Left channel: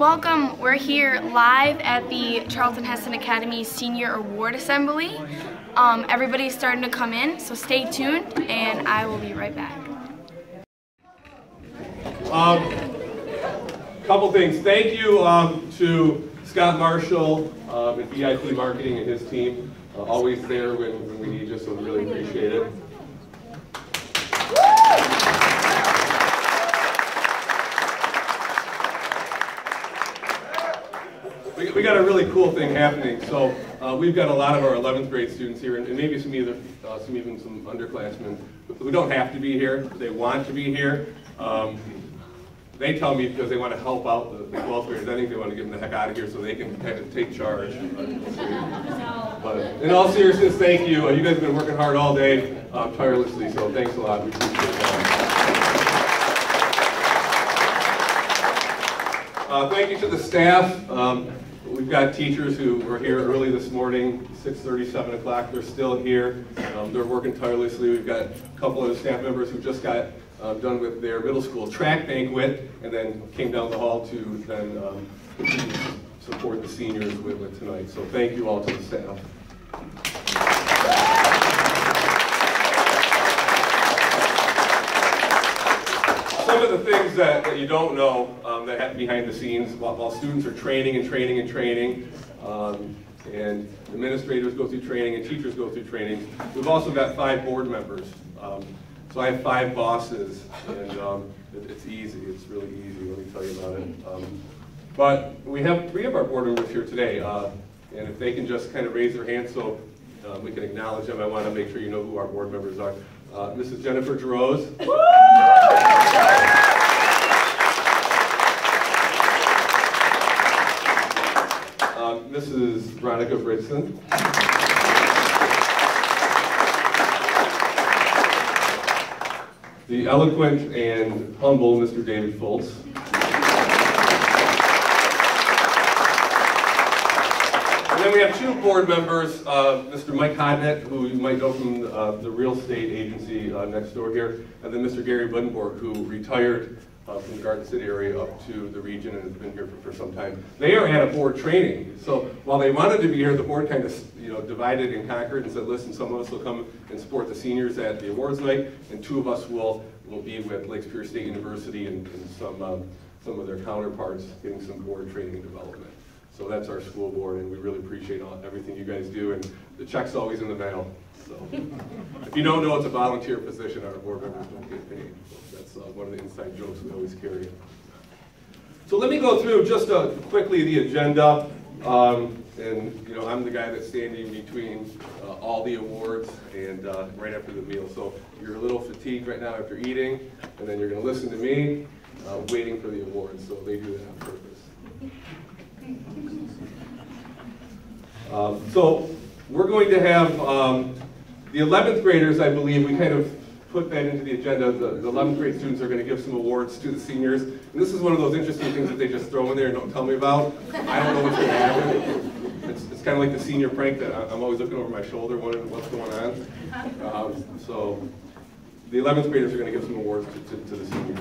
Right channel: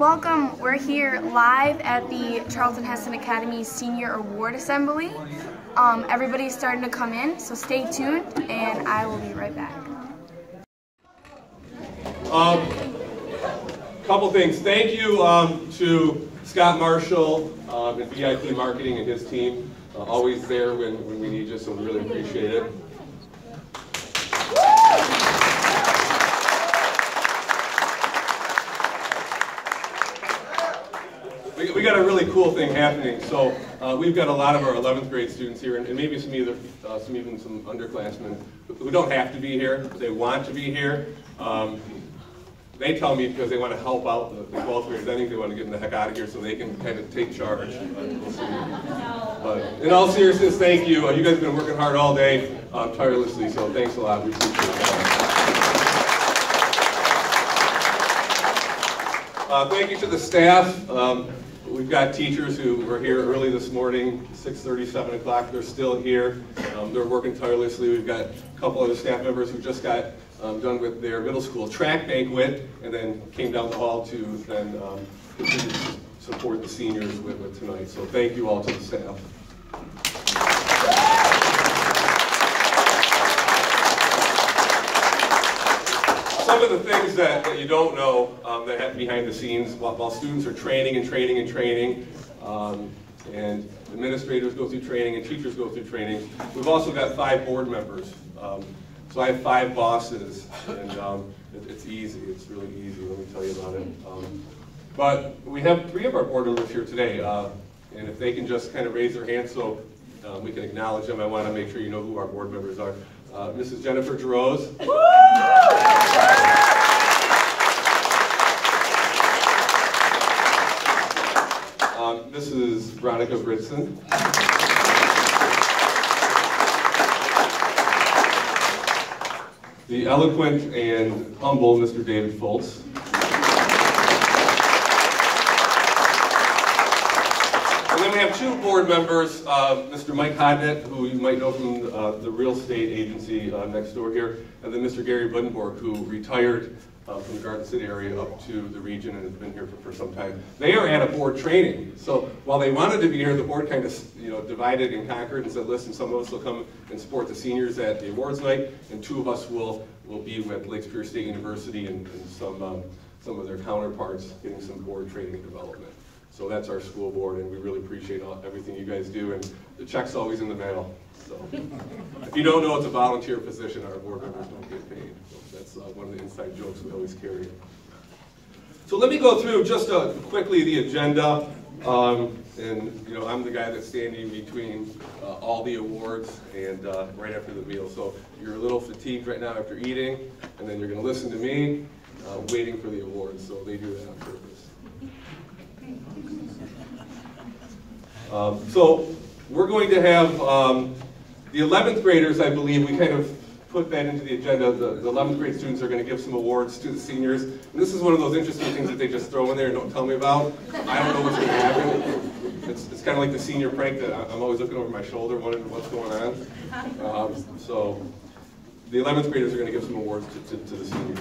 Welcome, we're here live at the Charlton Heston Academy Senior Award Assembly. Everybody's starting to come in, so stay tuned and I will be right back. Couple things. Thank you to Scott Marshall and VIP Marketing and his team. Always there when we need you, so we really appreciate it. We got a really cool thing happening. So we've got a lot of our 11th grade students here, and maybe even some underclassmen who don't have to be here, but they want to be here. They tell me because they want to help out the 12th graders. I think they want to get them the heck out of here so they can kind of take charge. But in all seriousness, thank you. You guys have been working hard all day, tirelessly, so thanks a lot. We appreciate that. Thank you to the staff. We've got teachers who were here early this morning, 6:30, 7 o'clock. They're still here. They're working tirelessly. We've got a couple other staff members who just got done with their middle school track banquet and then came down the hall to then support the seniors with tonight. So thank you all to the staff. Some of the things that you don't know that happen behind the scenes while students are training and administrators go through training and teachers go through training. We've also got 5 board members. So I have 5 bosses, and it's easy. It's really easy. Let me tell you about it. But we have 3 of our board members here today, and if they can just kind of raise their hands so we can acknowledge them. I want to make sure you know who our board members are. Mrs. Jennifer Jerose. Mrs. Veronica Britson. The eloquent and humble Mr. David Foltz. And then we have 2 board members, Mr. Mike Hodnett, who you might know from the real estate agency next door here, and then Mr. Gary Buddenborg, who retired from the Garden City area up to the region and has been here for some time. They are at a board training, so while they wanted to be here, the board kind of divided and conquered and said, listen, some of us will come and support the seniors at the awards night, and 2 of us will be with Lake Superior State University and some of their counterparts getting some board training and development. So that's our school board, and we really appreciate everything you guys do, and the check's always in the mail. So if you don't know, it's a volunteer position. Our board members don't get paid. That's one of the inside jokes we always carry. So let me go through just quickly the agenda. And I'm the guy that's standing between all the awards and right after the meal. So you're a little fatigued right now after eating, and then you're going to listen to me waiting for the awards. So they do that on purpose. So we're going to have the 11th graders, I believe, we kind of put that into the agenda. The 11th grade students are going to give some awards to the seniors. And this is one of those interesting things that they just throw in there and don't tell me about. I don't know what's going to happen. It's kind of like the senior prank that I'm always looking over my shoulder wondering what's going on. So the 11th graders are going to give some awards to the seniors.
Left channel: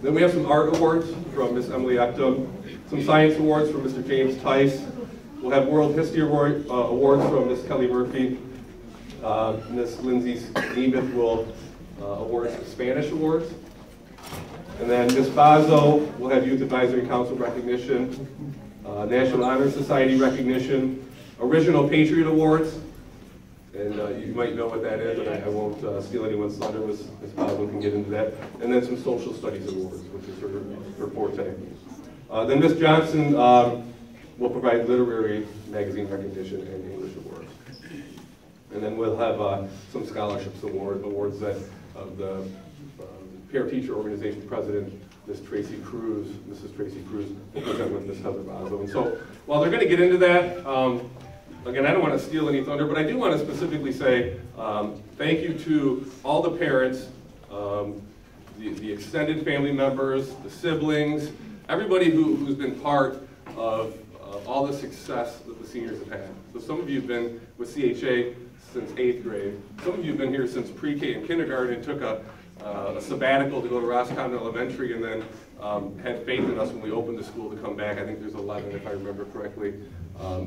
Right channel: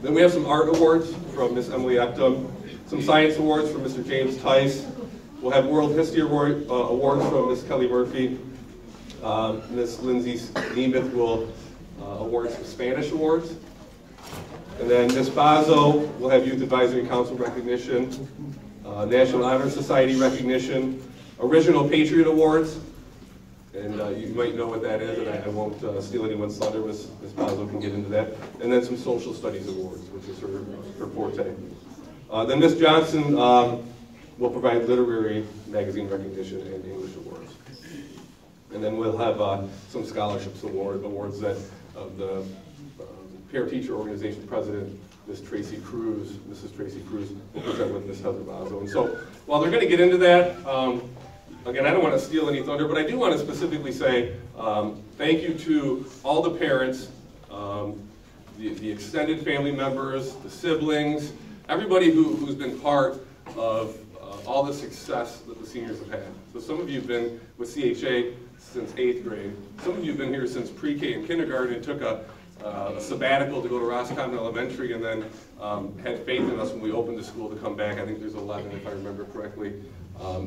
Then we have some art awards from Miss Emily Ectum, some science awards from Mr. James Tice. We'll have World History awards from Miss Kelly Murphy. Miss Lindsay Nemeth will award some Spanish awards. And then Miss Bazo will have Youth Advisory Council recognition, National Honor Society recognition, Original Patriot Awards, and you might know what that is, and I won't steal anyone's thunder. Miss Bazo can get into that. And then some Social Studies Awards, which is her forte. Then Miss Johnson will provide Literary Magazine recognition and English awards. And then we'll have some scholarships awards that the Parent Teacher Organization President, Mrs. Tracy Cruz, will present with Ms. Heather Bazo. And so while they're going to get into that, again, I don't want to steal any thunder, but I do want to specifically say thank you to all the parents, the extended family members, the siblings, everybody who's been part of all the success that the seniors have had. So some of you have been with CHA since 8th grade. Some of you have been here since pre-K and kindergarten and took a a sabbatical to go to Roscommon Elementary, and then had faith in us when we opened the school to come back. I think there's 11, if I remember correctly.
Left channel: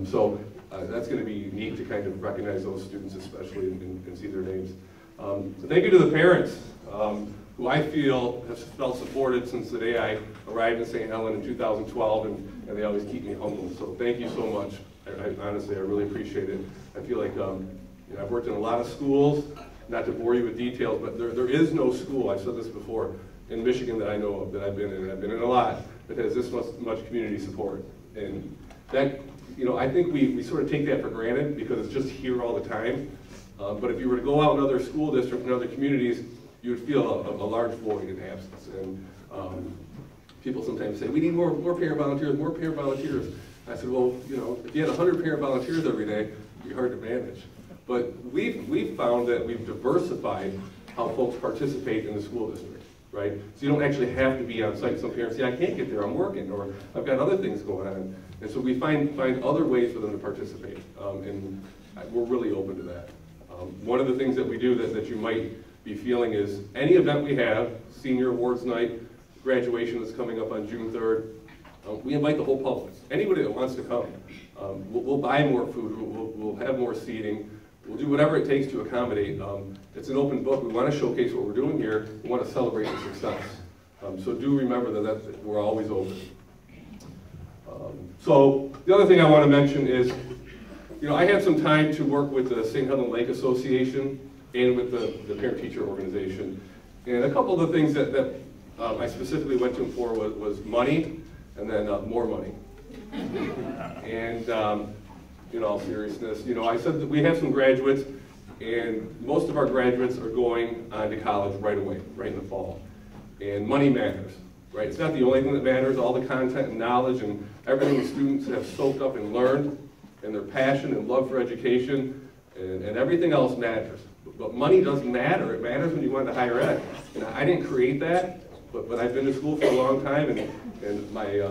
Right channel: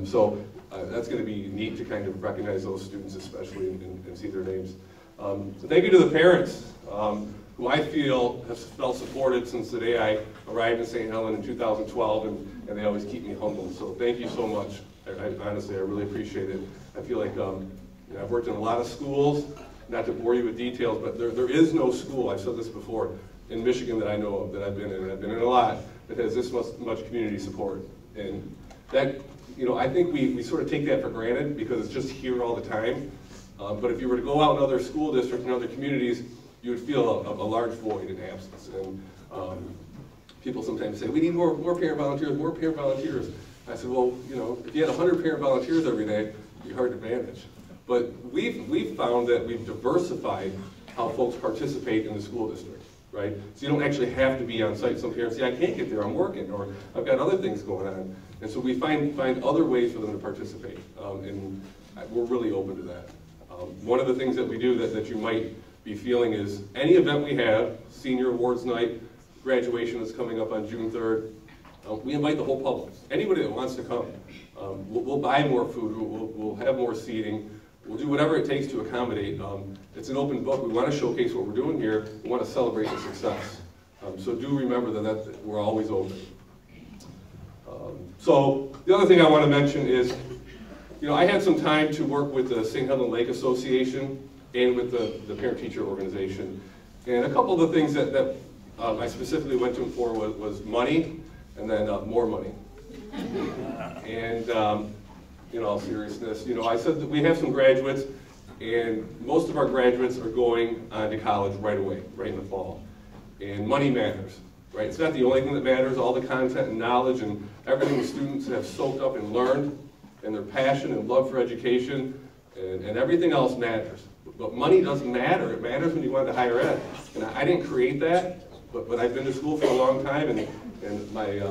So that's going to be neat to kind of recognize those students especially and see their names. Thank you to the parents, who I feel have felt supported since the day I arrived in St. Helen in 2012, and they always keep me humble. So thank you so much. Honestly, I really appreciate it. I feel like I've worked in a lot of schools, not to bore you with details, but there is no school, I've said this before, in Michigan that I know of, that I've been in, and I've been in a lot, that has this much community support. And that, I think we sort of take that for granted because it's just here all the time. But if you were to go out in other school districts and other communities, you would feel a large void in absence. And people sometimes say, we need more parent volunteers, more parent volunteers. I said, well, if you had 100 parent volunteers every day, it'd be hard to manage. But we've found that we've diversified how folks participate in the school district, right? So you don't actually have to be on site. Some parents say, I can't get there, I'm working, or I've got other things going on. And so we find other ways for them to participate, and we're really open to that. One of the things that we do that you might be feeling is any event we have, senior awards night, graduation that's coming up on June 3rd, we invite the whole public, anybody that wants to come. We'll buy more food, we'll have more seating, we'll do whatever it takes to accommodate. It's an open book. We want to showcase what we're doing here. We want to celebrate the success. So do remember that we're always open. So the other thing I want to mention is, I had some time to work with the St. Helen Lake Association and with the parent-teacher organization. And a couple of the things that I specifically went to them for was money, and then more money. And in all seriousness, I said that we have some graduates, and most of our graduates are going on to college right away, right in the fall. And money matters, right? It's not the only thing that matters. All the content and knowledge and everything the students have soaked up and learned, and their passion and love for education, and everything else matters. But money doesn't matter. It matters when you want to higher ed. And I didn't create that, but I've been to school for a long time, and my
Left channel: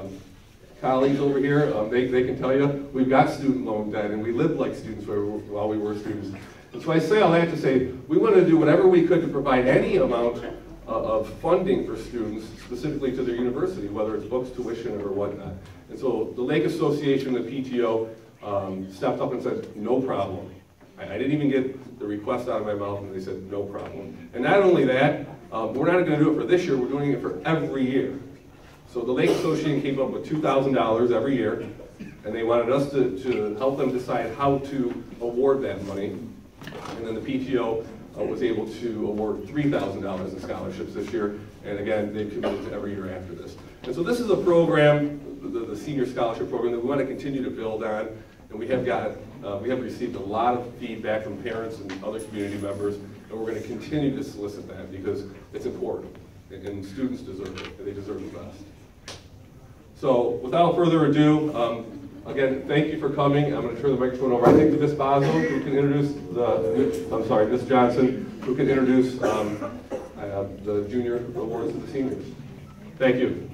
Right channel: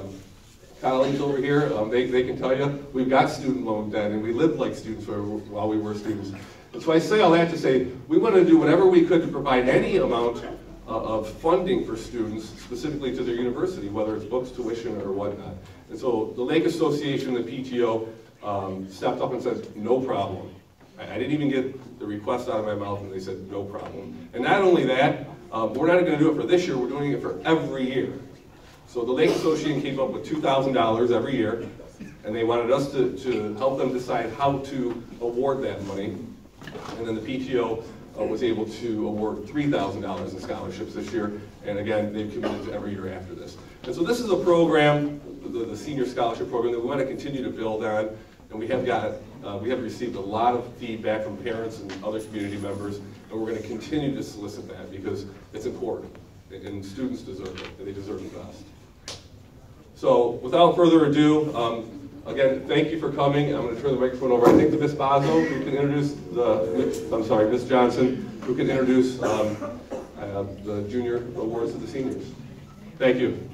colleagues over here, they can tell you, we've got student loan debt, and we lived like students while we were students. And so I say all that to say, we want to do whatever we could to provide any amount of funding for students, specifically to their university, whether it's books, tuition, or whatnot. And so the Lake Association, the PTO, stepped up and said, no problem. I didn't even get the request out of my mouth, and they said, no problem. And not only that, we're not going to do it for this year, we're doing it for every year. So the Lake Association came up with $2,000 every year, and they wanted us to help them decide how to award that money. And then the PTO was able to award $3,000 in scholarships this year, and again, they've committed to every year after this. And so this is a program, the Senior Scholarship Program, that we want to continue to build on, and we have received a lot of feedback from parents and other community members, and we're going to continue to solicit that because it's important, and students deserve it, and they deserve the best. So without further ado, again, thank you for coming. I'm going to turn the microphone over. I think to Ms. Bosmo, who can introduce Ms. Johnson, who can introduce the junior awards to the seniors. Thank you.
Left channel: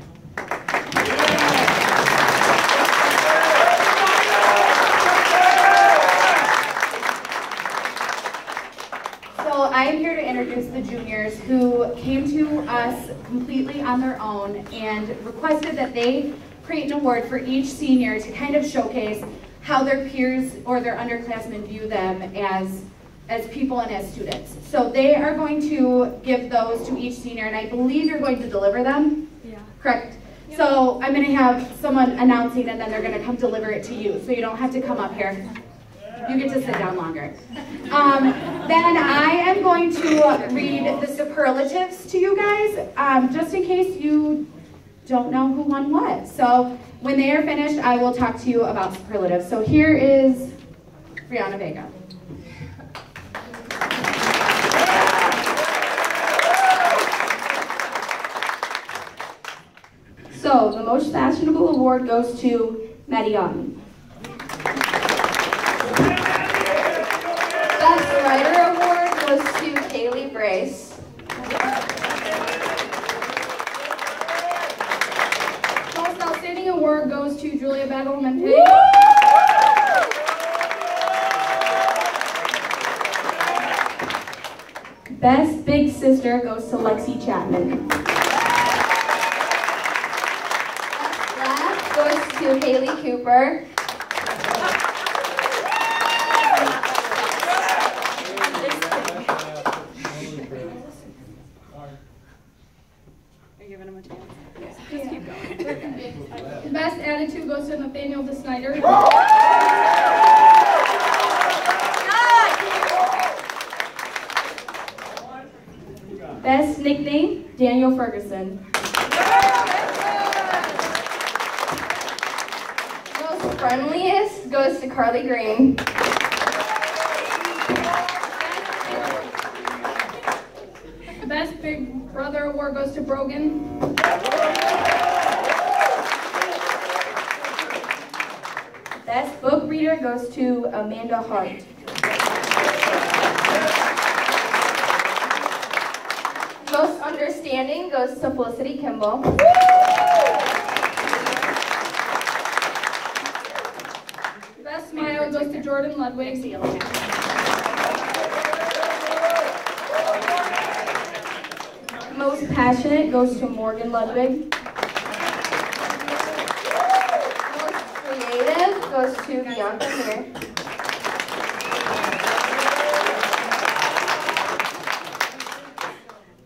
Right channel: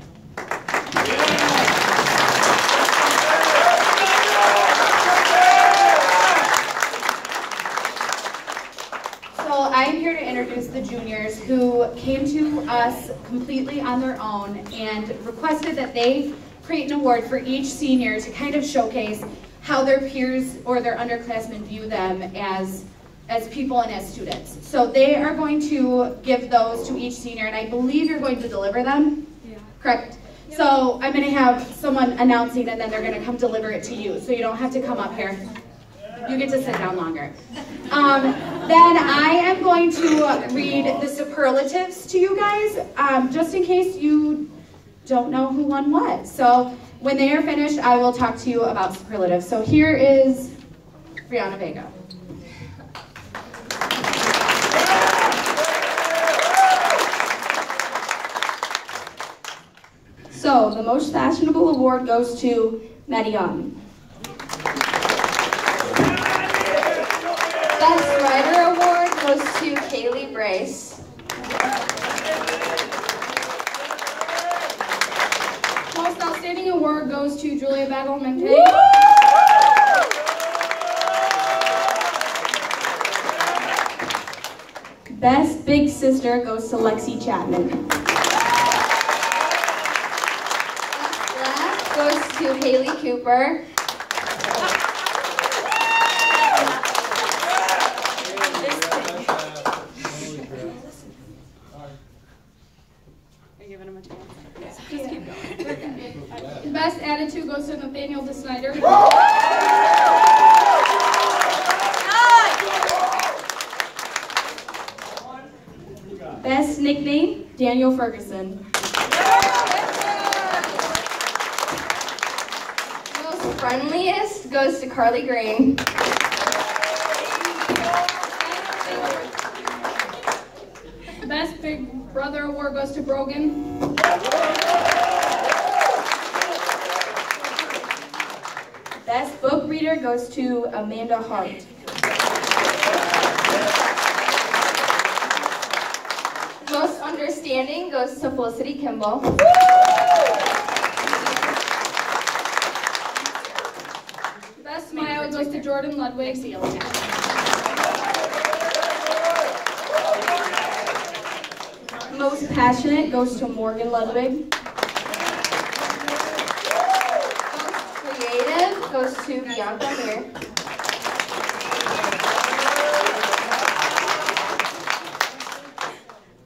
I'm here to introduce the juniors who came to us completely on their own and requested that they create an award for each senior to kind of showcase how their peers or their underclassmen view them as people and as students. So they are going to give those to each senior, and I believe you're going to deliver them? Yeah. Correct. So I'm going to have someone announcing, and then they're going to come deliver it to you, so you don't have to come up here. You get to sit down longer. Then I am going to read the superlatives to you guys, just in case you don't know who won what. So when they are finished, I will talk to you about superlatives. So here is Brianna Vega. So the most fashionable award goes to Maddie Young. Best Writer Award goes to Kaylee Brace. Most Outstanding Award goes to Julia Bagelmente. Best Big Sister goes to Lexi Chapman. Best Laugh goes to Haley Cooper. Best Attitude goes to Nathaniel DeSnyder. Best Nickname, Daniel Ferguson. Most Friendliest goes to Carly Green. Best Big Brother Award goes to Brogan. Best Book Reader goes to Amanda Hart. Most Understanding goes to Felicity Kimball. Best Smile goes to Jordan Ludwig. Most Passionate goes to Morgan Ludwig. Most Creative goes to Bianca Here.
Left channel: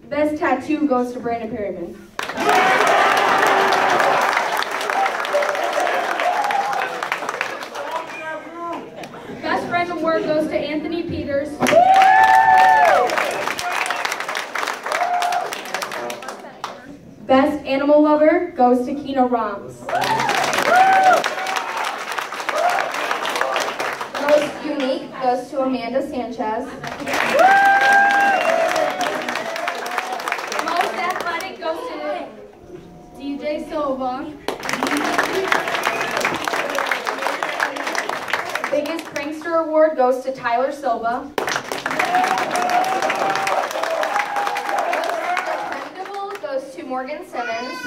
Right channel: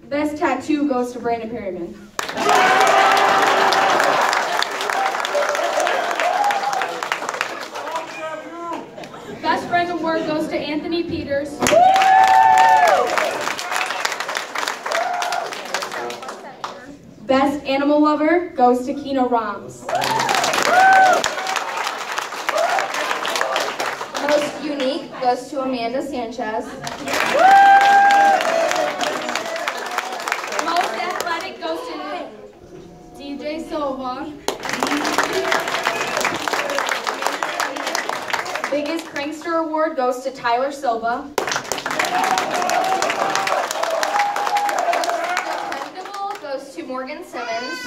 Best Tattoo goes to Brandon Perryman. Best Friend Award goes to Anthony Peters. Best Animal Lover goes to Keena Roms. Most Unique goes to Amanda Sanchez. Most Athletic goes to DJ Silva. Biggest Prankster Award goes to Tyler Silva. Dependable goes to Morgan Simmons.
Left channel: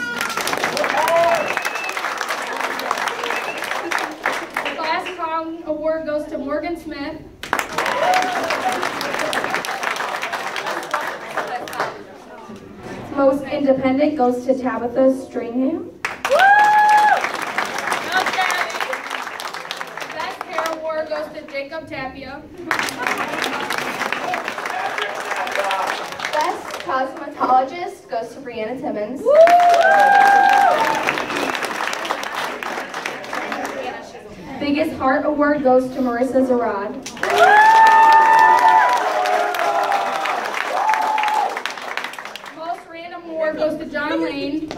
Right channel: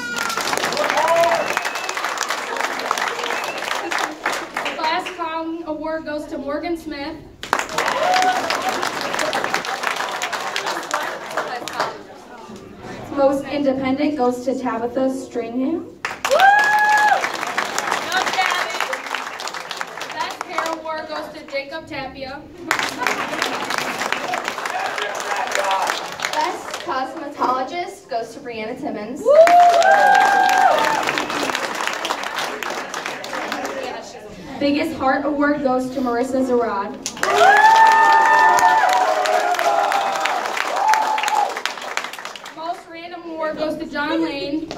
Class Clown Award goes to Morgan Smith. Most Independent goes to Tabitha Stringham. Best Hair Award goes to Jacob Tapia. Best Cosmetologist goes to Brianna Timmons. Biggest Heart Award goes to Marissa Zarad. Most Random Award goes to John Lane.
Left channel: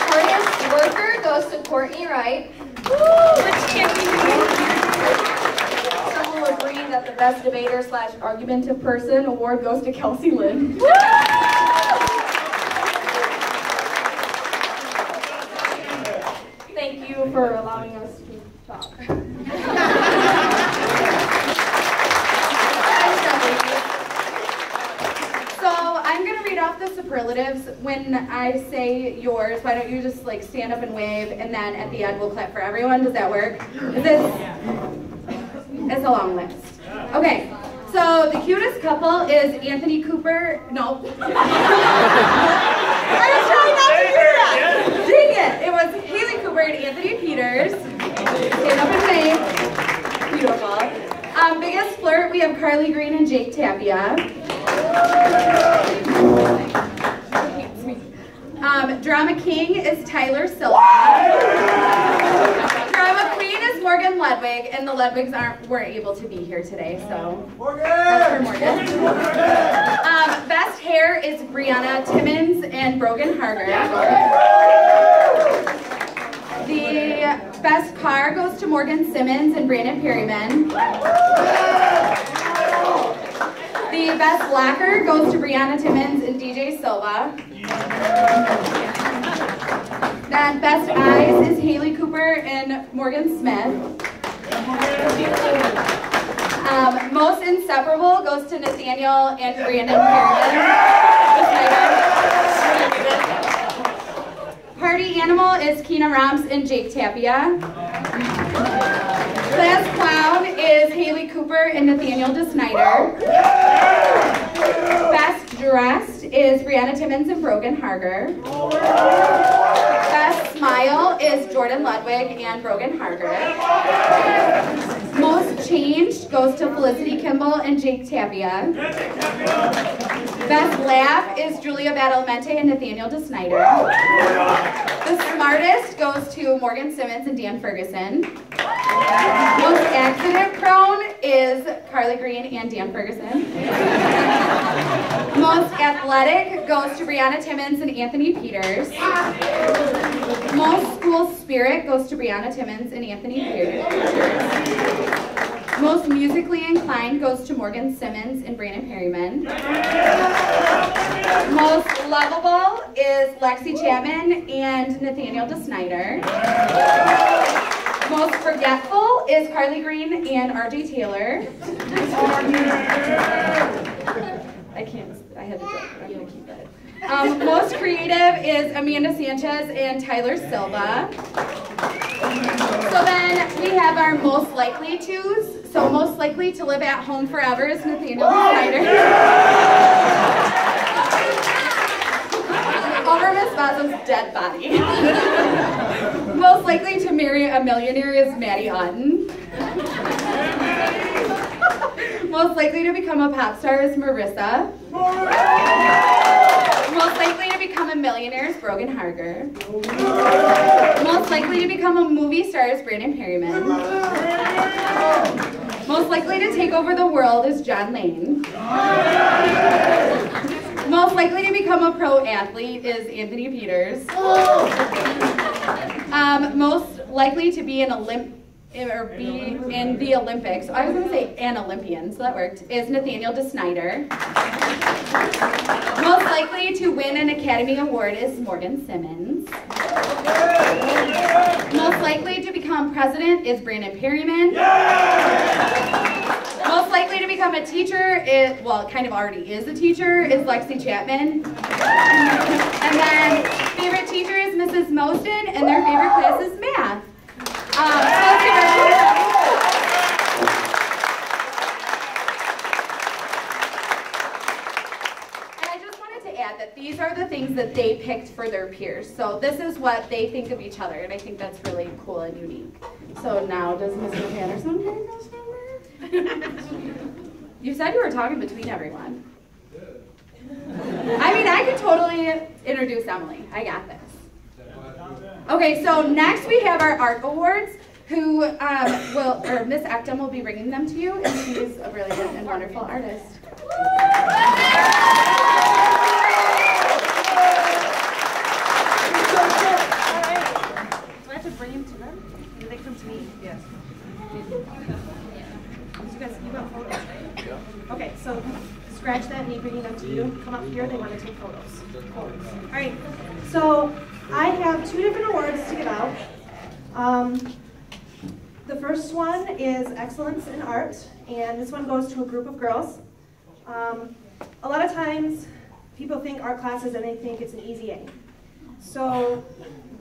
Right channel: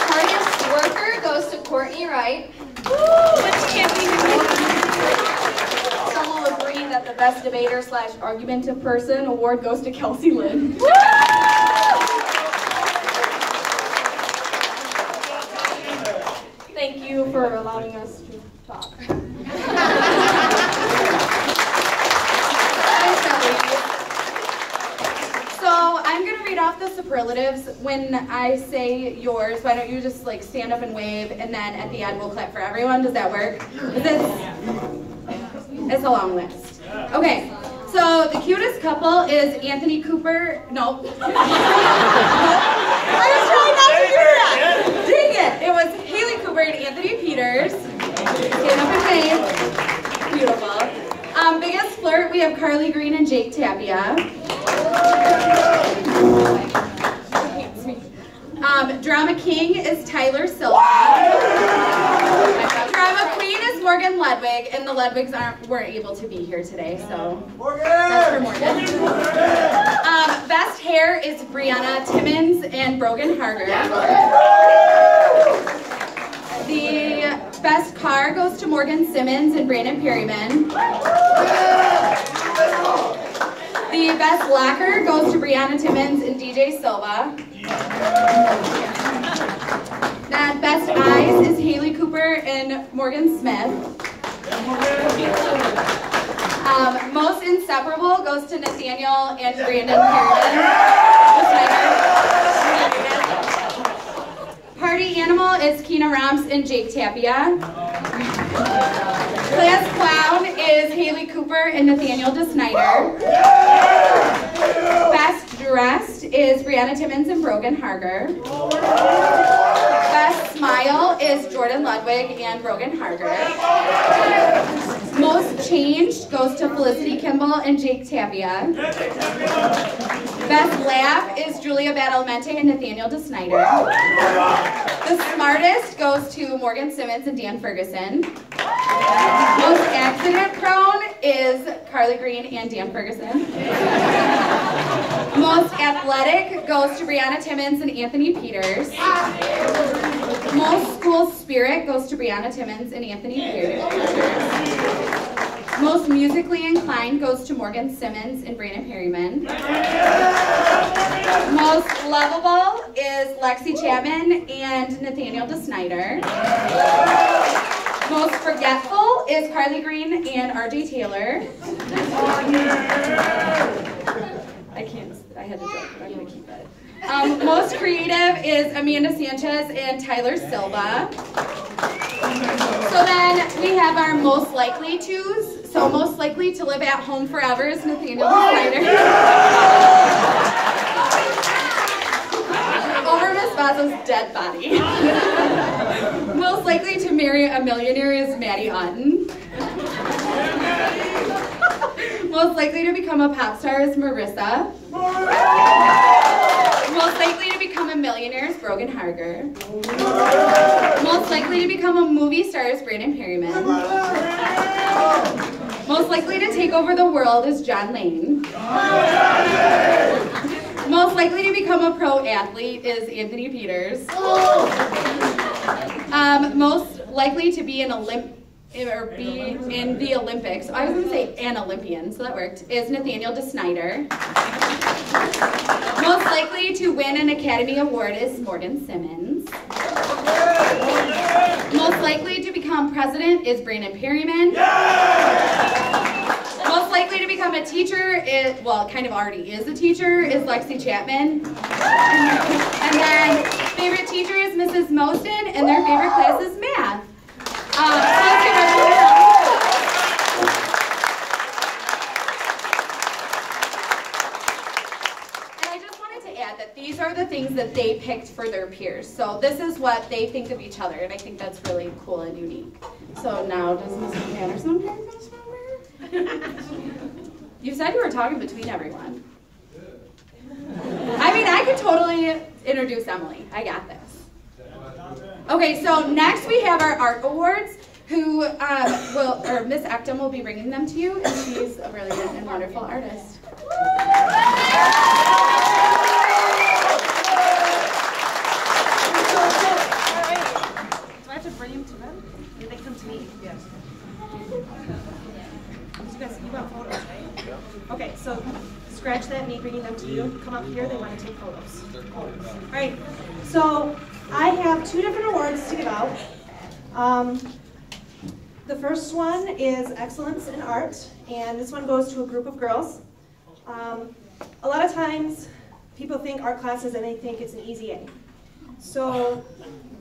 Hardest Worker goes to Courtney Wright. Some will agree that the Best Debater / Argumentative Person Award goes to Kelsey Lynn. Thank you for allowing us to talk. So I'm going to read off the superlatives. When I say yours, why don't you just like stand up and wave, and then at the end we'll clap for everyone. Does that work? It's a long list. Okay, so the cutest couple is Anthony Cooper. No. I was trying not to do that. Dang it. It was Haley Cooper and Anthony Peters. Stand up and wave. Beautiful. Biggest flirt, we have Carly Green and Jake Tapia. Drama King is Tyler Silva. Drama Queen is Morgan Ludwig, and the Ludwigs weren't able to be here today, so that's for Morgan. Best Hair is Brianna Timmons and Brogan Harder. The best car goes to Morgan Simmons and Brandon Perryman. The best lacquer goes to Brianna Timmons and DJ Silva. Then best eyes is Haley Cooper and Morgan Smith. Most inseparable goes to Nathaniel and Brandon Perryman. Party animal is Keena Roms and Jake Tapia. Class clown is Haley Cooper and Nathaniel DeSnyder. Best dressed is Brianna Timmons and Brogan Harger. Best smile is Jordan Ludwig and Brogan Harger. Most changed goes to Felicity Kimball and Jake Tapia. Best laugh is Julia Badalmente and Nathaniel DeSnyder. The smartest goes to Morgan Simmons and Dan Ferguson. Most accident prone is Carly Green and Dan Ferguson. Most athletic goes to Brianna Timmons and Anthony Peters. Most school spirit goes to Brianna Timmons and Anthony Peters. Most musically inclined goes to Morgan Simmons and Brandon Perryman. Most lovable is Lexi Chapman and Nathaniel DeSnyder. Most forgetful is Carly Green and RJ Taylor. I had to joke, but I'm going to keep it. Most creative is Amanda Sanchez and Tyler Silva. So then we have our most likely tos. So most likely to live at home forever is Nathaniel DeSnyder. Over Miss Vazo's dead body. Most likely to marry a millionaire is Maddie Otten. Most likely to become a pop star is Marissa. Most likely to become a millionaire is Brogan Harger. Most likely to become a movie star is Brandon Perryman. Most likely to take over the world is John Lane. Most likely to become a pro athlete is Anthony Peters. Most likely to be in the Olympics, I was going to say an Olympian, so that worked, is Nathaniel DeSnyder. Most likely to win an Academy Award is Morgan Simmons. Most likely to become president is Brandon Perryman. Most likely to become a teacher is, well, kind of already is a teacher, is Lexi Chapman. And then favorite teacher is Mrs. Moston, and their favorite class is math. So let's give everyone a round of applause. And I just wanted to add that these are the things that they picked for their peers. So this is what they think of each other, and I think that's really cool and unique. So now, does Mrs. Anderson have this number? You said you were talking between everyone. I mean, I could totally introduce Emily. I got this. Okay, so next we have our art awards, who Miss Ectum will be bringing them to you, and she's a brilliant and wonderful artist. All right. Do I have to bring them to them? Do they come to me? Yes. You got photos, right? Okay, so scratch that, me bringing them to you. Come up here, they want to take photos. All right, so I have 2 different awards to give out. The first one is Excellence in Art, and this one goes to a group of girls. A lot of times, people think art classes and they think it's an easy A. So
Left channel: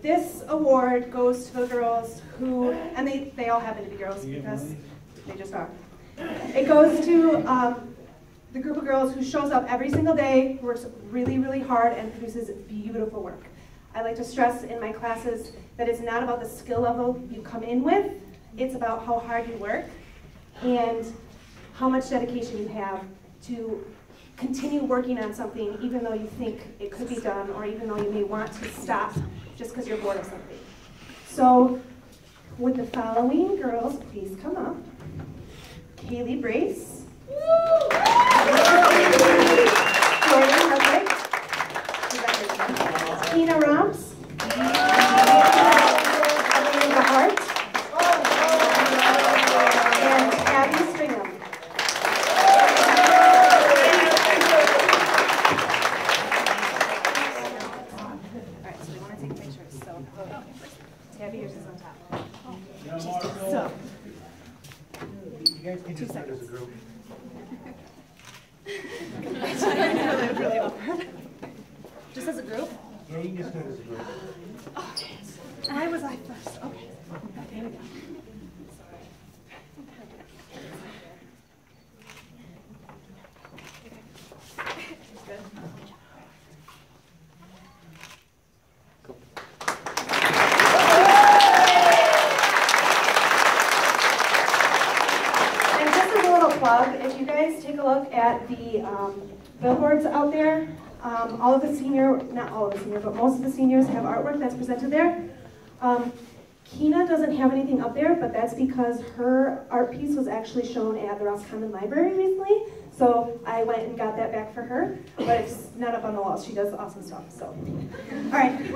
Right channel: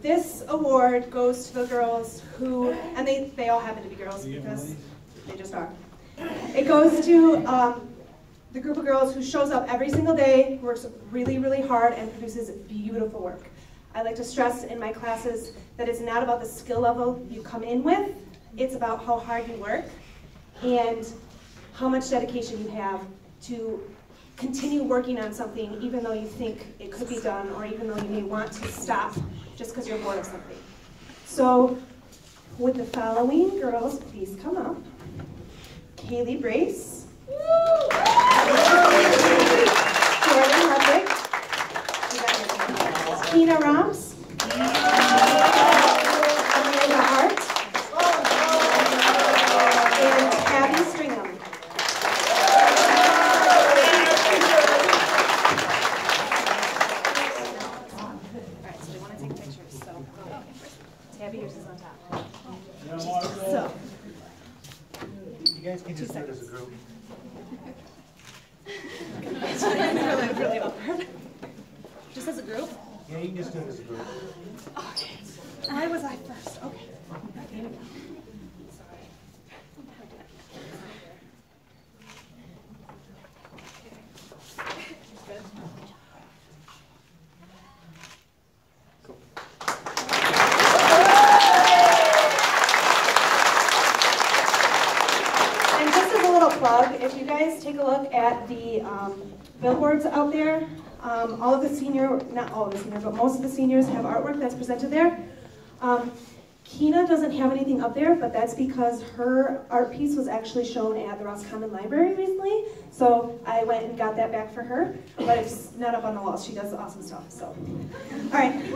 this award goes to the girls who, and they all happen to be girls because they just are. It goes to the group of girls who shows up every single day, works really, really hard, and produces beautiful work. I like to stress in my classes that it's not about the skill level you come in with, it's about how hard you work and how much dedication you have to continue working on something even though you think it could be done, or even though you may want to stop just because you're bored of something. So would the following girls please come up? Kaylee Brace, Jordan Ludwig, Tina Roms, Amanda Hart, and Abby Stringham. All right, so they want to take pictures. So Tabby, yours is on top. So. You guys can just take as a group. really awkward. Just as a group? Yeah, you can just do it as a group. Okay. I was first. Okay. if you guys take a look at the billboards out there, all of the not all of the seniors, but most of the seniors have artwork that's presented there. Kina doesn't have anything up there, but that's because her art piece was actually shown at the Roscommon Library recently. So I went and got that back for her, but it's not up on the wall. She does awesome stuff. So, all right.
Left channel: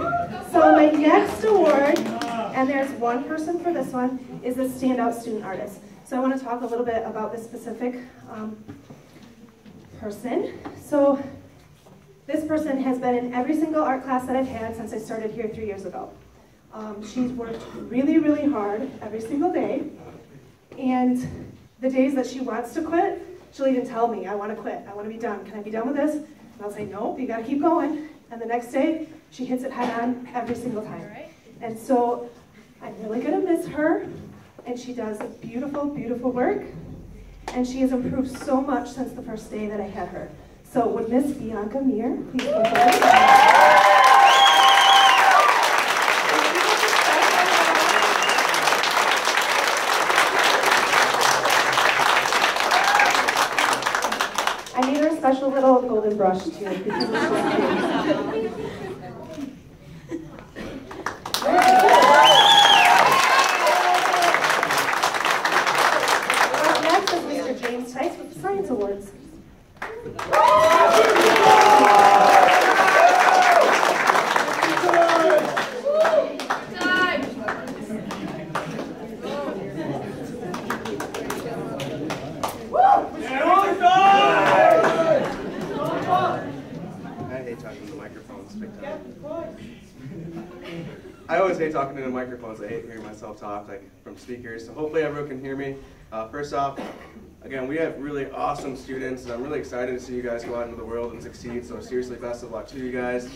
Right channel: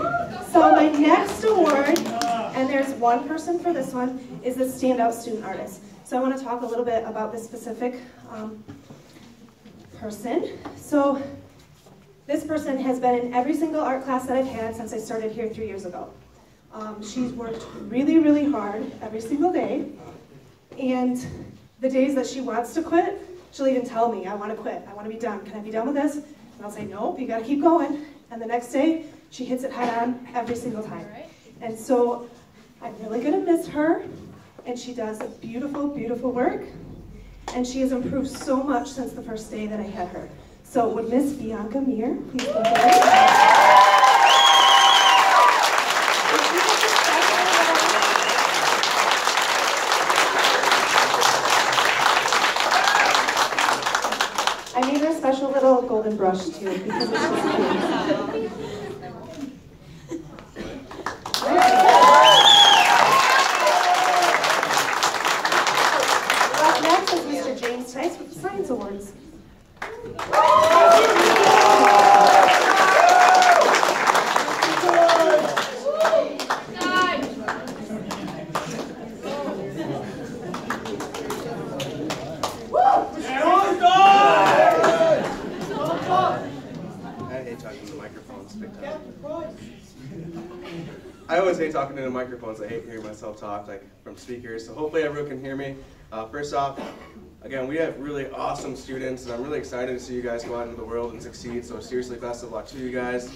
So my next award, and there's one person for this one, is the Standout Student Artist. So I want to talk a little bit about this specific person. So this person has been in every single art class that I've had since I started here 3 years ago. She's worked really, really hard every single day, and the days that she wants to quit, she'll even tell me, I want to quit, I want to be done, can I be done with this? And I'll say, nope, you got to keep going. And the next day, she hits it head on every single time. And so I'm really going to miss her, and she does beautiful, beautiful work, and she has improved so much since the first day that I had her. So would Miss Bianca Meir please come forward? Special little golden brush too, because it's Up next is Mr. James Tice with the Science Awards. I always hate talking into microphones. I hate hearing myself talk from speakers. So hopefully everyone can hear me. First off, again, we have really awesome students, and I'm really excited to see you guys go out into the world and succeed. So seriously, best of luck to you guys.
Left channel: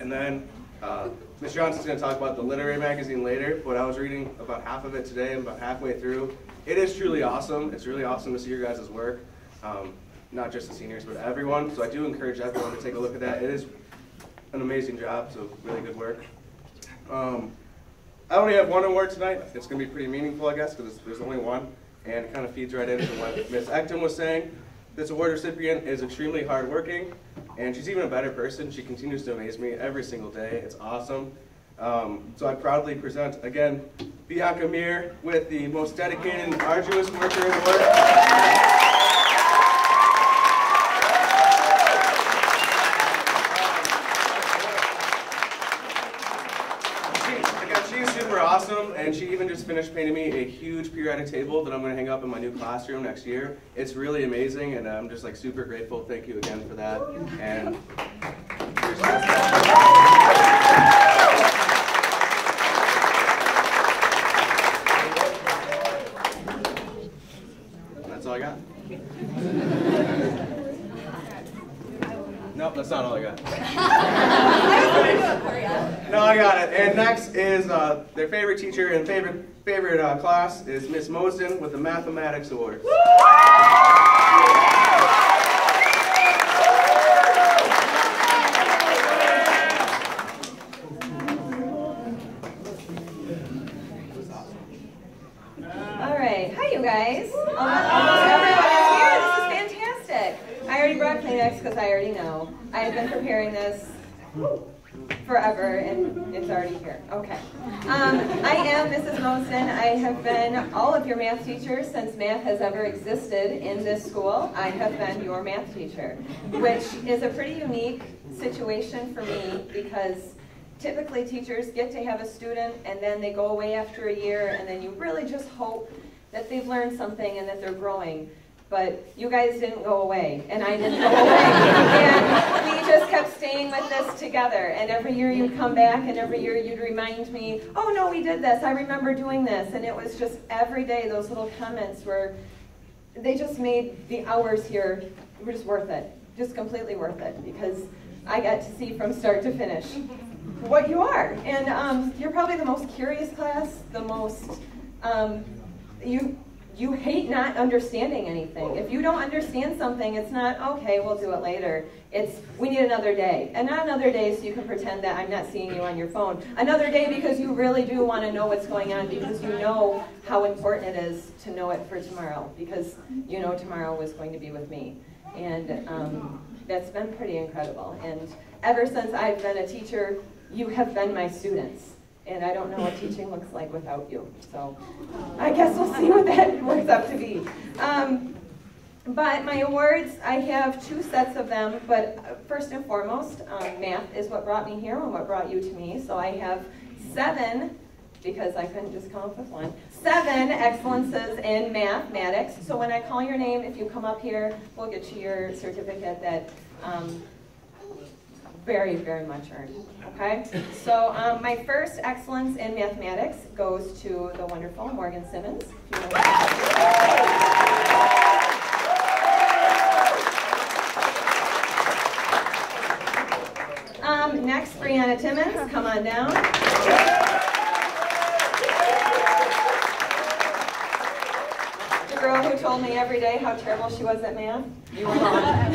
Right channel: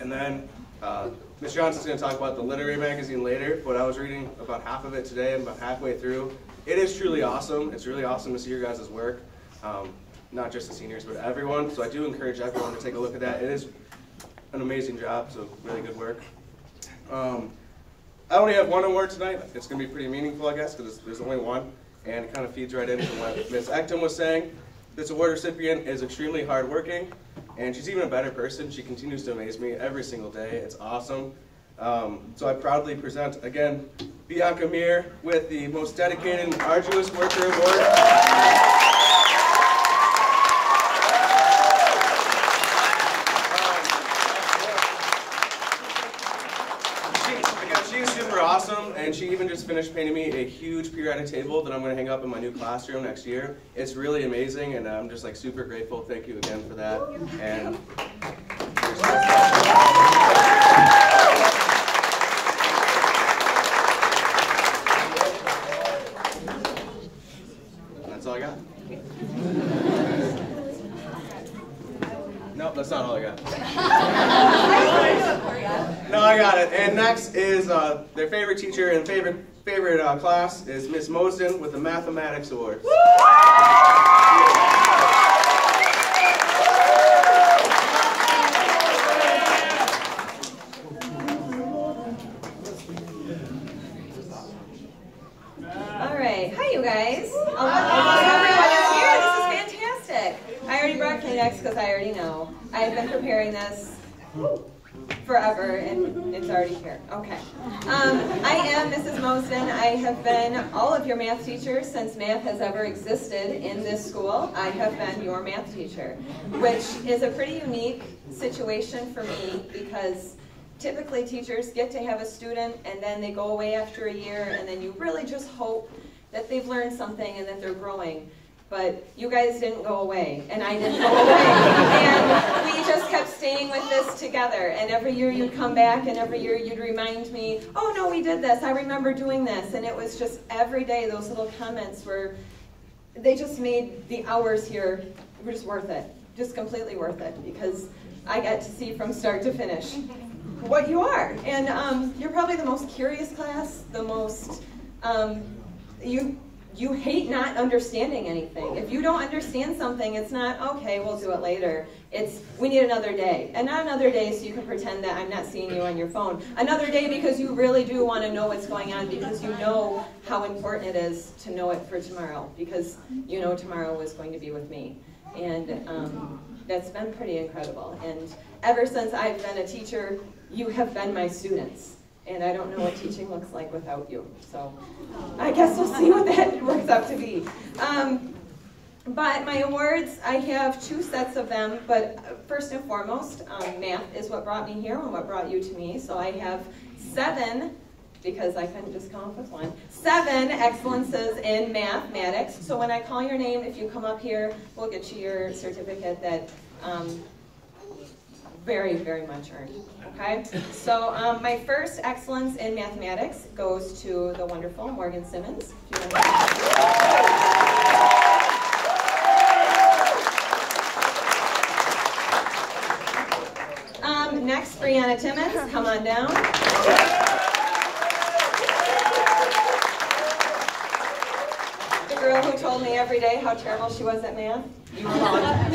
And then Ms. Johnson's going to talk about the literary magazine later, but I was reading about half of it today and about halfway through. It is truly awesome. It's really awesome to see your guys' work, not just the seniors, but everyone. So I do encourage everyone to take a look at that. It is an amazing job, so really good work. I only have one award tonight. It's going to be pretty meaningful, I guess, because there's only one, and it kind of feeds right into what Ms. Ecton was saying. This award recipient is extremely hardworking, and she's even a better person. She continues to amaze me every single day. It's awesome. So I proudly present, again, Bianca Meir with the Most Dedicated and Arduous Worker Award. Awesome, and she even just finished painting me a huge periodic table that I'm going to hang up in my new classroom next year. It's really amazing, and I'm just super grateful. Thank you again for that. And that's all I got. Nope, that's not all I got. No, I got it. And next is their favorite teacher and favorite class is Miss Mosden with the Mathematics Award. All right, hi you guys. Almost everyone is here. This is fantastic. I already brought Kleenex because I already know. I've been preparing this forever, and it's already here. Okay. I am Mrs. Mosden. I have been all of your math teachers since math has ever existed in this school. I have been your math teacher, which is a pretty unique situation for me because typically teachers get to have a student and then they go away after a year, and then you really just hope that they've learned something and that they're growing. But you guys didn't go away, and I didn't go away. And we just kept staying with this together. And every year you'd come back, and every year you'd remind me, oh no, we did this, I remember doing this. And it was just every day, those little comments they just made the hours here were just worth it. Just completely worth it, because I got to see from start to finish what you are. And you're probably the most curious class, the most, you hate not understanding anything. If you don't understand something, it's not, okay, we'll do it later. It's, we need another day. And not another day so you can pretend that I'm not seeing you on your phone. Another day because you really do want to know what's going on, because you know how important it is to know it for tomorrow, because you know tomorrow is going to be with me. And that's been pretty incredible. And ever since I've been a teacher, you have been my students. And I don't know what teaching looks like without you. So I guess we'll see what that works out to be. But my awards, I have 2 sets of them, but first and foremost, math is what brought me here and what brought you to me. So I have 7, because I couldn't just come up with 1, 7 excellences in mathematics. So when I call your name, if you come up here, we'll get you your certificate that very, very much earned. Okay? So my first excellence in mathematics goes to the wonderful Morgan Simmons. Next, Brianna Timmons, come on down. The girl who told me every day how terrible she was at math. You were wrong.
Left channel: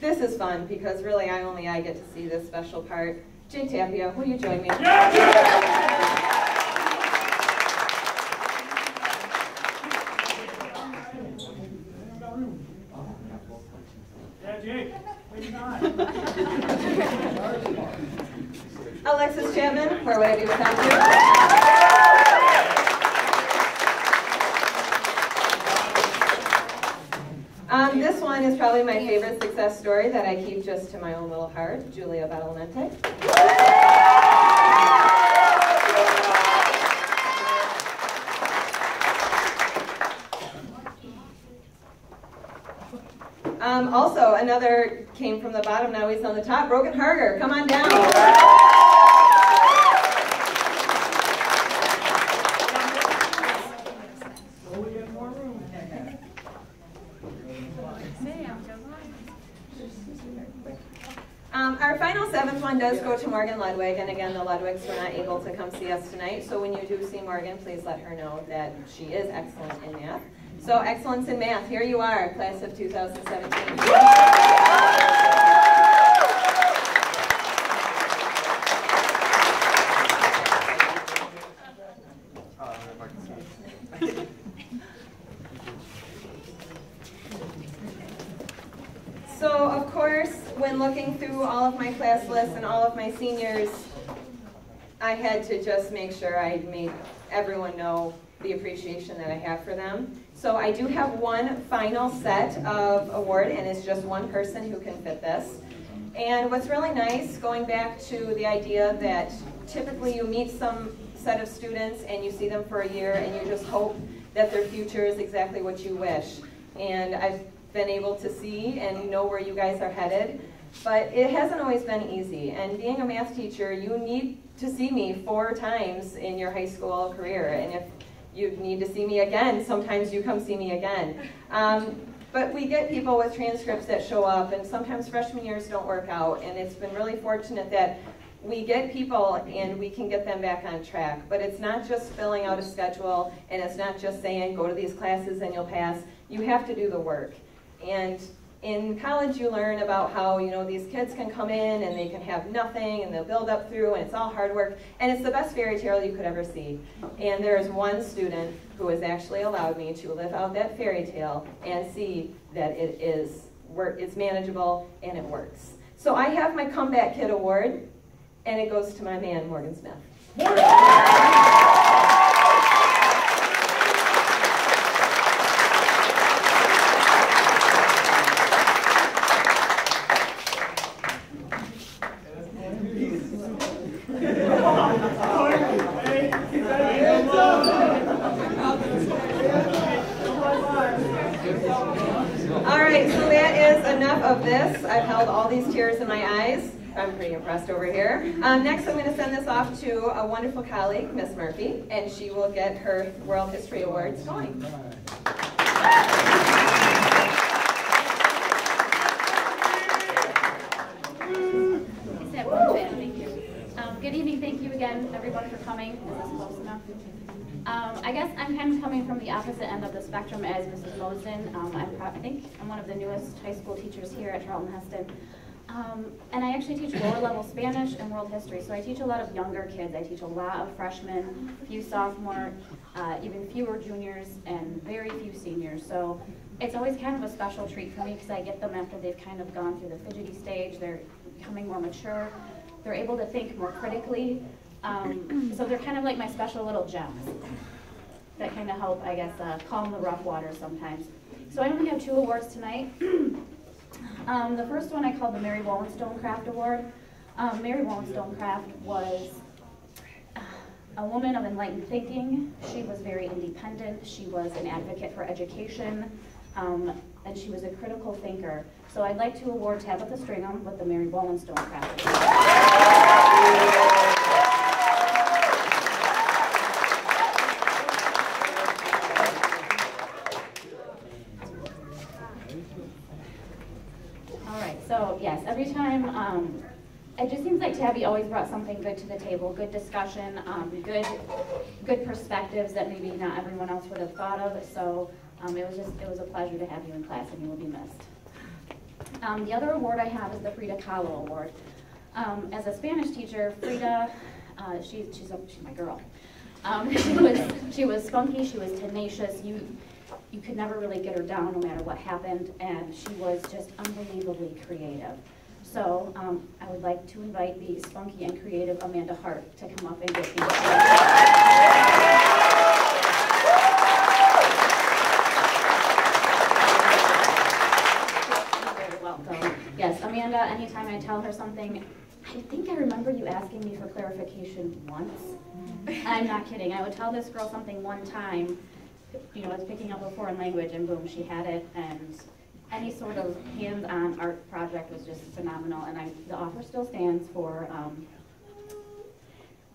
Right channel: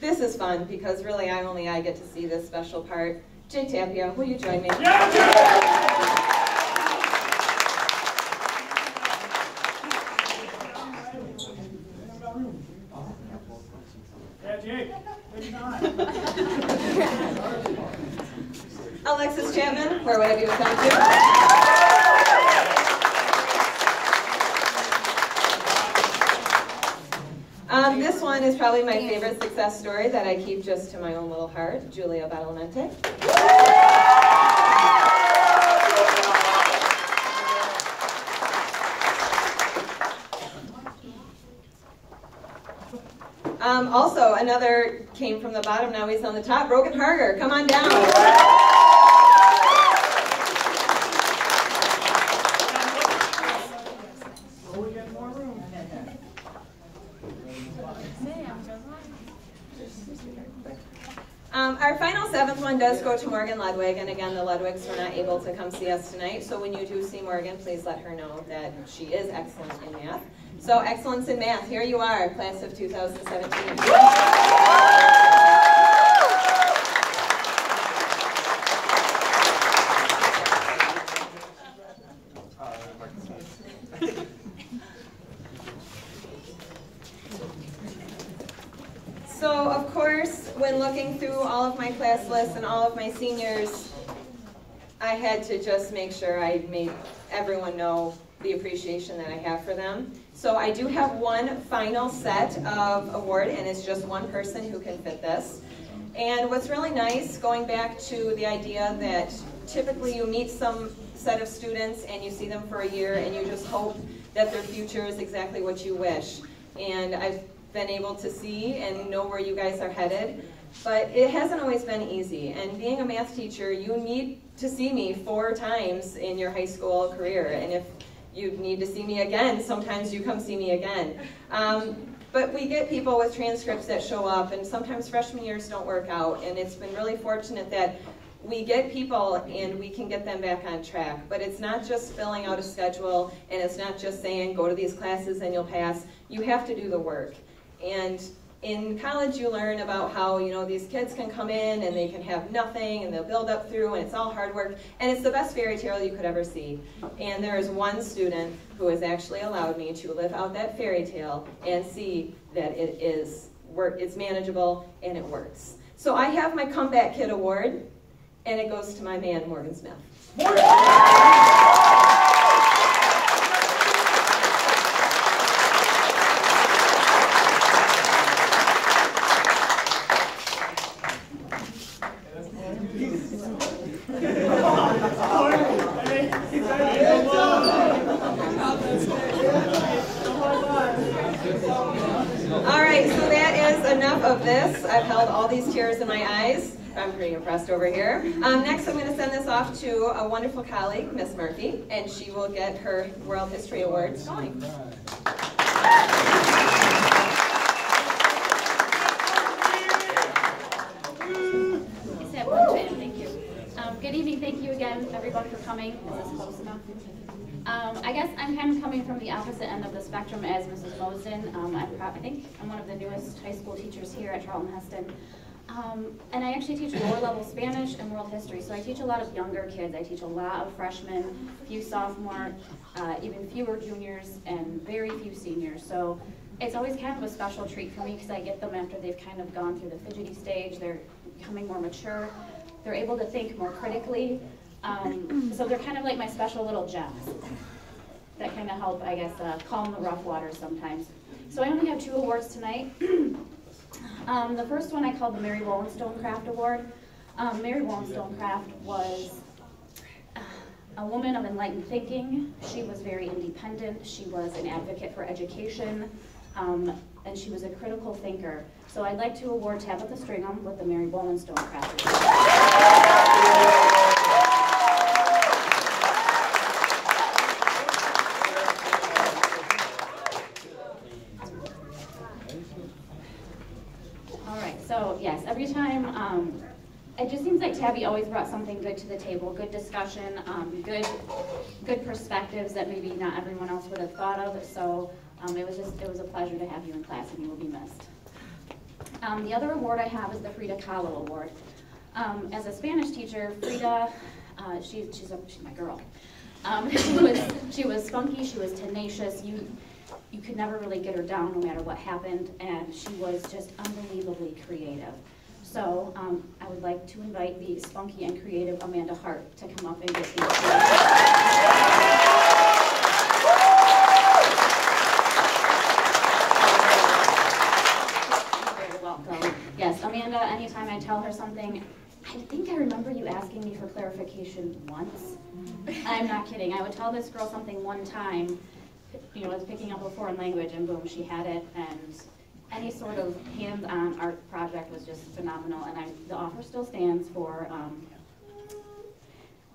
This is fun because really only I get to see this special part. Jay Tapia, will you join me? Yeah! Alexis Chapman, where would I be without you? This one is probably my favorite success story that I keep just to my own little heart, Julia Badalamente. Also, another came from the bottom, now he's on the top. Brogan Harger, come on down. Our final 7th one does go to Morgan Ludwig, and again, the Ludwigs were not able to come see us tonight, so when you do see Morgan, please let her know that she is excellent in math. So, excellence in math, here you are, class of 2017. So, of course, when looking through all of my class lists and all of my seniors, I had to just make sure I made everyone know the appreciation that I have for them. So I do have one final set of award, and it's just one person who can fit this. And what's really nice, going back to the idea that typically you meet some set of students and you see them for a year and you just hope that their future is exactly what you wish. And I've been able to see and know where you guys are headed, but it hasn't always been easy. And being a math teacher, you need to see me 4 times in your high school career. And if you need to see me again, sometimes you come see me again. But we get people with transcripts that show up, and sometimes freshman years don't work out, and it's been really fortunate that we get people and we can get them back on track. But it's not just filling out a schedule, and it's not just saying go to these classes and you'll pass. You have to do the work. And in college you learn about how, you know, these kids can come in and they can have nothing and they'll build up through, and it's all hard work, and it's the best fairy tale you could ever see. And there is one student who has actually allowed me to live out that fairy tale and see that it's manageable and it works. So I have my Comeback Kid Award, and it goes to my man, Morgan Smith. Enough of this. I've held all these tears in my eyes. I'm pretty impressed over here. Next, I'm going to send this off to a wonderful colleague, Miss Murphy, and she will get her World History Awards going. Thank you. Good Good evening. Thank you again, everyone, for coming. Is this close enough? I guess I'm kind of coming from the opposite end of the spectrum as Mrs. Mosen. I think I'm one of the newest high school teachers here at Charlton Heston. And I actually teach lower level Spanish and world history, so I teach a lot of younger kids. I teach a lot of freshmen, a few sophomores, even fewer juniors, and very few seniors. So it's always kind of a special treat for me because I get them after they've kind of gone through the fidgety stage. They're becoming more mature. They're able to think more critically. So they're kind of like my special little gems that kind of help, I guess, calm the rough waters sometimes. So I only have 2 awards tonight. The first one I called the Mary Wollstonecraft Award. Mary Wollstonecraft was a woman of enlightened thinking. She was very independent. She was an advocate for education, and she was a critical thinker. So I'd like to award Tabitha Stringham with the Mary Wollstonecraft Award. So yes, every time, it just seems like Tabby always brought something good to the table, good discussion, good perspectives that maybe not everyone else would have thought of. So it was a pleasure to have you in class, and you will be missed. The other award I have is the Frida Kahlo Award. As a Spanish teacher, Frida, she's my girl. She was spunky, she was tenacious. You could never really get her down no matter what happened, and she was just unbelievably creative. So I would like to invite the spunky and creative Amanda Hart to come up and get these. You're very welcome. Yes, Amanda, anytime I tell her something, I think I remember you asking me for clarification once. I'm not kidding. I would tell this girl something one time, I was picking up a foreign language, and boom, she had it, and any sort of hands-on art project was just phenomenal, and the offer still stands for,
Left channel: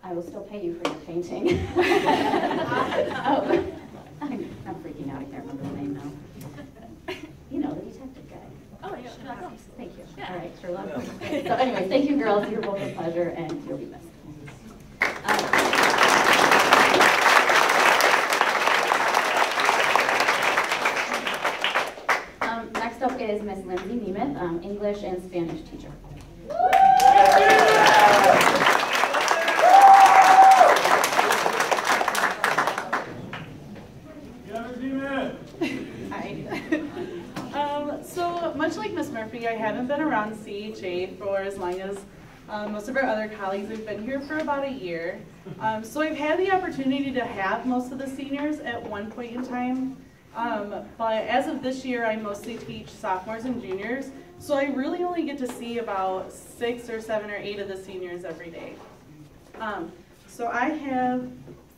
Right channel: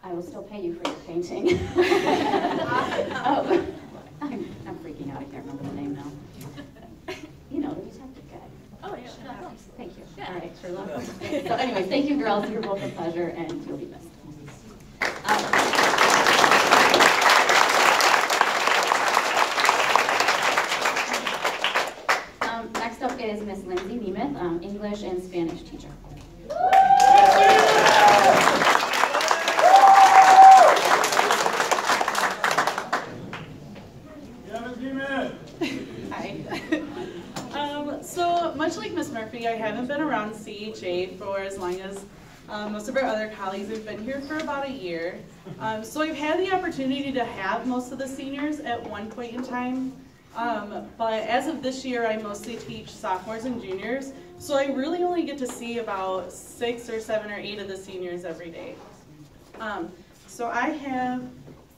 I will still pay you for your painting. Oh, I'm freaking out, I can't remember the name now. You know, the detective guy. Oh, yeah. Thank you. Yeah. All right, Sherlock. So anyways, thank you girls, you're both a pleasure, and you'll be missed. Next up is Miss Lindsay Nemeth, English and Spanish teacher. Hi. So much like Miss Murphy, I haven't been around CHA for as long as most of our other colleagues. Have been here for about a year. So I've had the opportunity to have most of the seniors at one point in time. But as of this year, I mostly teach sophomores and juniors, so I really only get to see about 6 or 7 or 8 of the seniors every day. So I have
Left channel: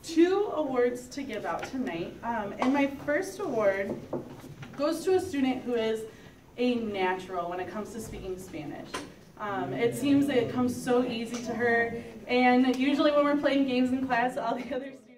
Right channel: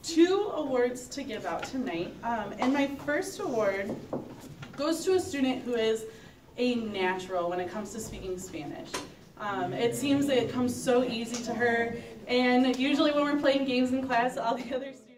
2 awards to give out tonight, and my first award goes to a student who is a natural when it comes to speaking Spanish. It seems that it comes so easy to her, and usually when we're playing games in class, all the other students